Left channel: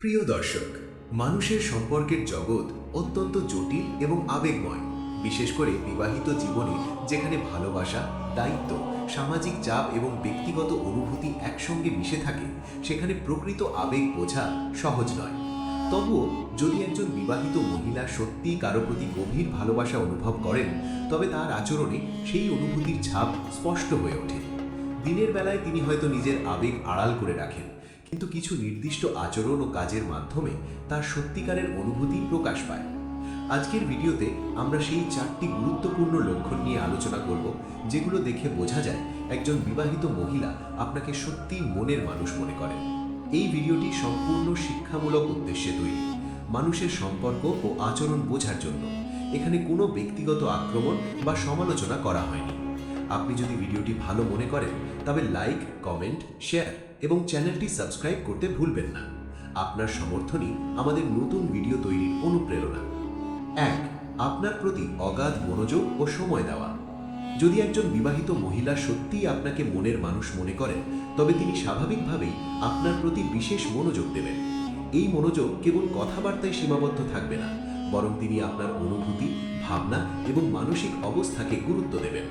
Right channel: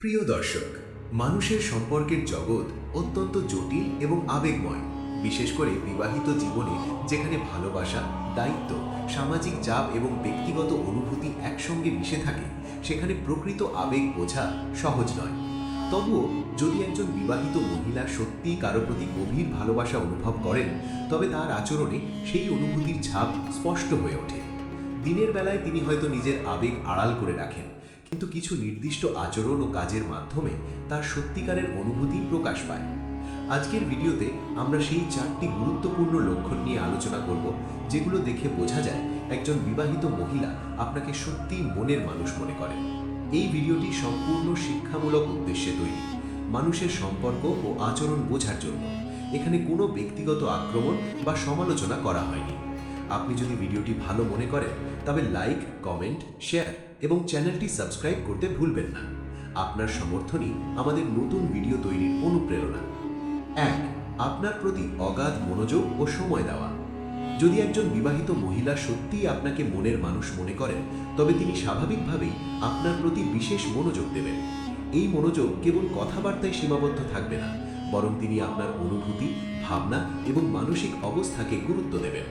প্রিয় দর্শক, মানুষের সম্পর্কের জগৎ অত্যন্ত জটিল এবং আবেগময়। বিশেষ করে বিবাহিত জীবনে, যেখানে ভালোবাসা, দায়িত্ব, সামাজিক চাপ এবং ব্যক্তিগত অনুভূতি একসঙ্গে মিশে থাকে, সেখানে প্রকৃত আবেগ বোঝা সহজ নয়। তবুও যদি একজন বিবাহিত মহিলা সত্যিই কারো প্রতি গভীর ভালোবাসা অনুভব করেন, তবে তার আচরণে সেই অনুভূতির ছাপ স্পষ্ট হয়ে ওঠে। দিনের বেলায় তিনি হয়তো নিজের আবেগ আড়াল করে রাখেন, কিন্তু কিছু নির্দিষ্ট আচরণ ও কাজের মাধ্যমে তার সত্যিকারের অনুভূতি প্রকাশ পায়। আজকের ভিডিওতে আমরা সেই 4টি গুরুত্বপূর্ণ লক্ষণ নিয়ে আলোচনা করব, যেগুলো দেখে বোঝা যায় একজন বিবাহিত মহিলা আপনাকে সত্যিই মনের মানুষ মনে করেন। এই ভিডিওটি সম্পূর্ণ শিক্ষামূলক উদ্দেশ্যে তৈরি, মানুষের সম্পর্ক ও আচরণ বোঝার জন্য। এখানে কোনো ব্যক্তিগত আক্রমণ বা সমালোচনা করা হয়নি। আপনি যদি ভিডিওটি ভালো মনে করেন, তবে লাইক, কমেন্ট, শেয়ার এবং চ্যানেলটি সাবস্ক্রাইব করতে ভুলবেন না। আপনার সমর্থনই আমাদের নতুন ভিডিও তৈরির অনুপ্রেরণা। 1. আপনার প্রতি অগাধ মনোযোগ ও সময় দেওয়া। যদি একজন বিবাহিত মহিলা সত্যিই আপনাকে মনের মানুষ মনে করেন, তবে তিনি স্বাভাবিকভাবেই আপনার প্রতি বিশেষ মনোযোগ দেবেন। এই মনোযোগ কেবল কথাবার্তায় সীমাবদ্ধ থাকবে না, বরং তিনি আপনার অনুভূতি, ভাবনা এবং মানসিক অবস্থাকে গুরুত্ব দেবেন।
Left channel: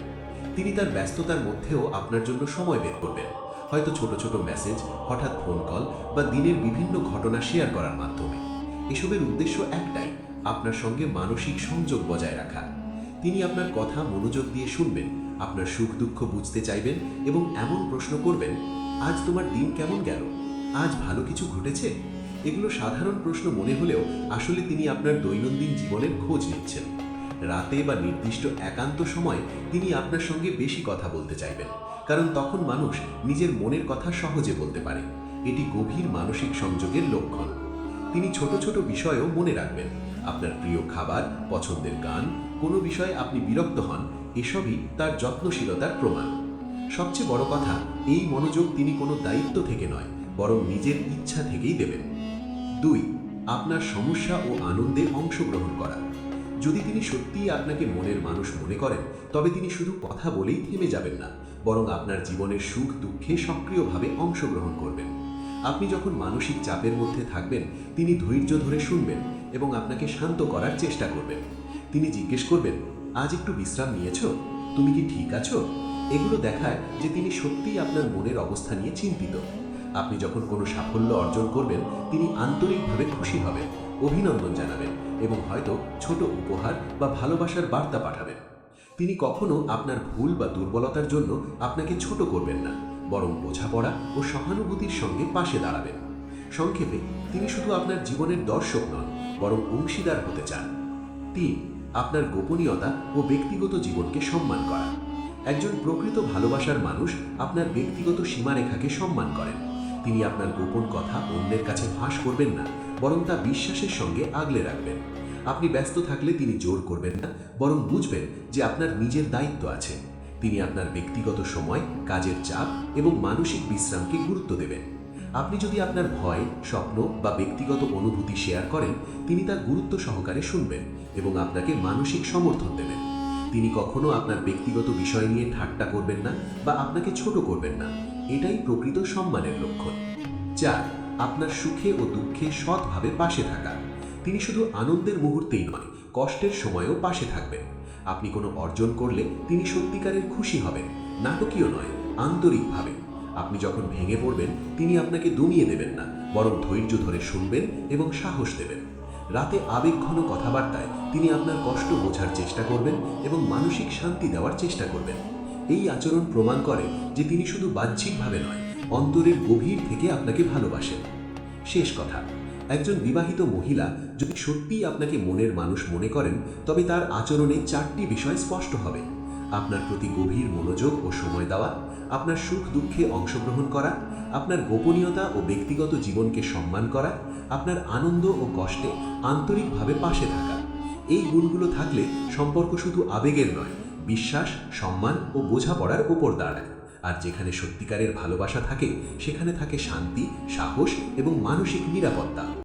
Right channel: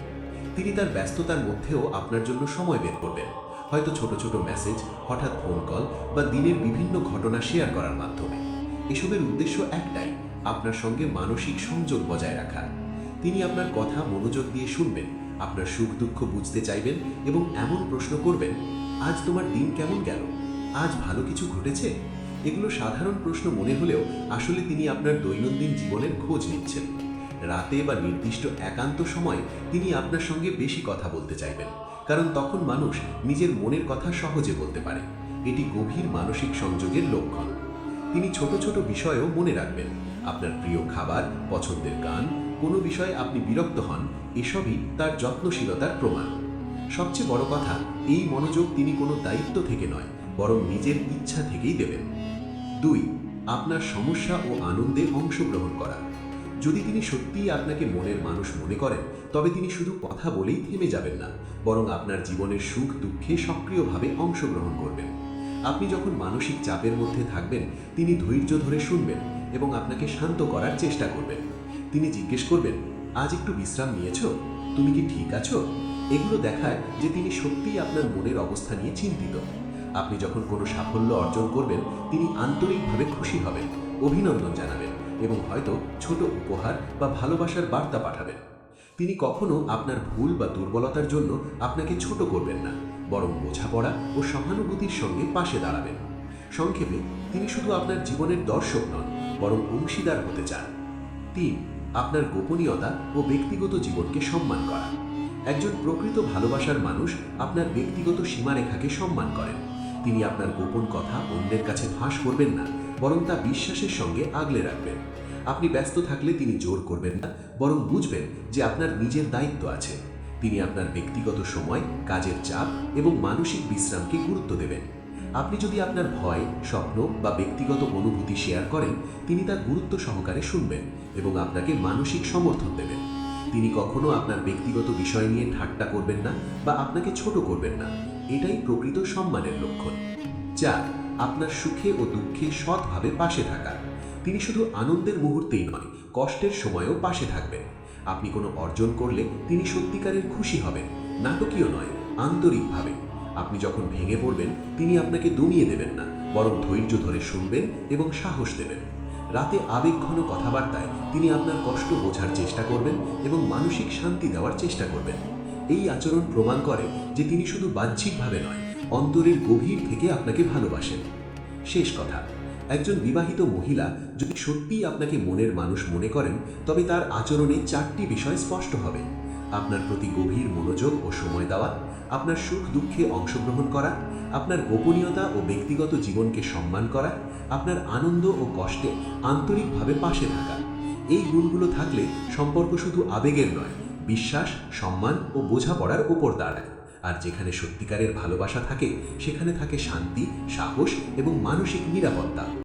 তিনি তার ব্যস্ততার মধ্যেও আপনার জন্য সময় বের করবেন, হয়তো ছোট ছোট মেসেজ, হঠাৎ ফোন কল বা দিনের বিভিন্ন ঘটনা শেয়ার করার মাধ্যমে। এসবের উদ্দেশ্য একটাই, আপনার সঙ্গে মানসিক সংযোগ বজায় রাখা। তিনি আপনার কথা মনোযোগ দিয়ে শুনবেন, আপনার সুখ দুঃখ বুঝতে চাইবেন এবং এমন প্রশ্ন করবেন, আজ তোমার দিন কেমন গেল? আজ ভালো কিছু ঘটেছে? এগুলো সাধারণ প্রশ্ন মনে হলেও আসলে তিনি আপনার দৈনন্দিন জীবনের খোঁজ নিচ্ছেন। রাতে বা নির্দিষ্ট একান্ত সময়ে তিনি আপনার সঙ্গে বেশি কথা বলতে চাইবেন, কারণ তখন মানুষ নিজের মনের কথা সহজে বলতে পারে। এটি গভীর মানসিক সংযোগের লক্ষণ। তিনি ছোট ছোট বিষয়ও মনে রাখবেন, আপনার প্রিয় খাবার, পছন্দের গান, কোনো বিষয়ে আপনি বিরক্ত হন, এসবই তার যত্নশীলতার প্রমাণ। সবচেয়ে বড় কথা, এই মনোযোগ তিনি কোনো দায়িত্ব থেকে নয়, বরং নিজের ইচ্ছা থেকেই দেবেন। 2. আপনার সমস্যা ও আনন্দে অংশগ্রহণ করা। যদি তিনি সত্যিই আপনাকে মনের মানুষ মনে করেন, তবে তিনি শুধু কথা বলেই থেমে যাবেন না, বরং আপনার জীবনের সুখ দুঃখে সক্রিয়ভাবে অংশগ্রহণ করবেন। আপনি যখন মানসিক চাপের মধ্যে থাকবেন, তিনি ধৈর্য ধরে শুনবেন এবং আপনাকে শান্ত করার চেষ্টা করবেন। তিনি জিজ্ঞেস করবেন, আজ একটু বিশ্রাম নিয়েছো? তুমি কি ঠিক আছো? এগুলো দেখায় যে তিনি সত্যিই আপনার মনের অবস্থা নিয়ে চিন্তিত। আপনি যখন কোনো সাফল্য অর্জন করবেন, তিনি আন্তরিকভাবে খুশি হবেন, অভিনন্দন জানাবেন এবং হয়তো ছোট উপহার বা ভালোবাসার বার্তা পাঠাবেন। তিনি কখনো আপনার ভুল বা দুর্বলতার জন্য আপনাকে ছোট করবেন না, বরং বোঝাপড়া ও সহানুভূতির সঙ্গে পাশে দাঁড়াবেন। সংক্ষেপে, তিনি শুধু আপনার জীবনের দর্শক নন, বরং অংশীদার হতে চান। 3. আপনার গোপনীয়তা ও ব্যক্তিগত জীবনকে সম্মান করা। একজন প্রকৃত ভালোবাসার মানুষ আপনার ব্যক্তিগত সীমারেখাকে সম্মান করেন। তিনি আপনার গোপন কথা অন্যের কাছে ফাঁস করবেন না, বরং তা বিশ্বাসের সঙ্গে আগলে রাখবেন। আপনি ব্যস্ত থাকলে তিনি জোর করবেন না, বরং বুঝবেন যে আপনার নিজের দায়িত্ব আছে। তিনি আপনার ব্যক্তিগত সময়, কাজের চাপ এবং মানসিক বিশ্রামকে গুরুত্ব দেবেন। আপনি যদি আপনার ভয়, স্বপ্ন বা ব্যক্তিগত অনুভূতি শেয়ার করেন, তিনি তা গুরুত্ব সহকারে শুনবেন এবং আপনাকে মানসিক সমর্থন দেবেন। তিনি কখনো আপনার ব্যক্তিগত বিষয় নিয়ে ঠাট্টা করবেন না বা আপনাকে ছোট করবেন না। এটাই প্রকৃত সম্মানের লক্ষণ। 4. আপনার সুখে ও দুঃখে সৎভাবে পাশে থাকা। তিনি শুধু আনন্দের মুহূর্তেই নয়, কষ্টের সময়ও পাশে থাকবেন। আপনি কোনো অর্জন করলে তিনি সত্যিকারের খুশি হবেন, নাটকীয় নয়, আন্তরিকভাবে। আপনি যখন ভেঙে পড়বেন, তিনি আপনাকে দমিয়ে দেবেন না, বরং ধৈর্য ধরে শুনবেন এবং সাহস দেবেন। রাতে আবেগঘন কথাবার্তায় তিনি আপনার কষ্ট বোঝার চেষ্টা করবেন এবং মানসিক শান্তি দেওয়ার চেষ্টা করবেন। এই আচরণ প্রমাণ করে যে তিনি শুধু বাহ্যিকভাবে নয়, অন্তরের গভীর থেকে আপনাকে ভালোবাসেন। শেষ কথা, একজন বিবাহিত মহিলা যদি সত্যিই আপনাকে মনের মানুষ মনে করেন, তবে তার আচরণে 4টি বিষয় স্পষ্ট হবে: আপনার প্রতি গভীর মনোযোগ ও সময় দেওয়া, আপনার সুখ দুঃখে অংশগ্রহণ করা, আপনার গোপনীয়তা ও ব্যক্তিগত জীবনকে সম্মান করা, আপনার আনন্দ ও কষ্টে আন্তরিকভাবে পাশে থাকা। এই গুণগুলো থাকলে সম্পর্ক শুধু আবেগের নয়, বিশ্বাস, সম্মান ও বোঝাপড়ার উপর দাঁড়ায়। আর যেখানে সত্যিকারের ভালোবাসা থাকে, সেখানে থাকে শান্তি, সাহস এবং মানসিক নিরাপত্তা।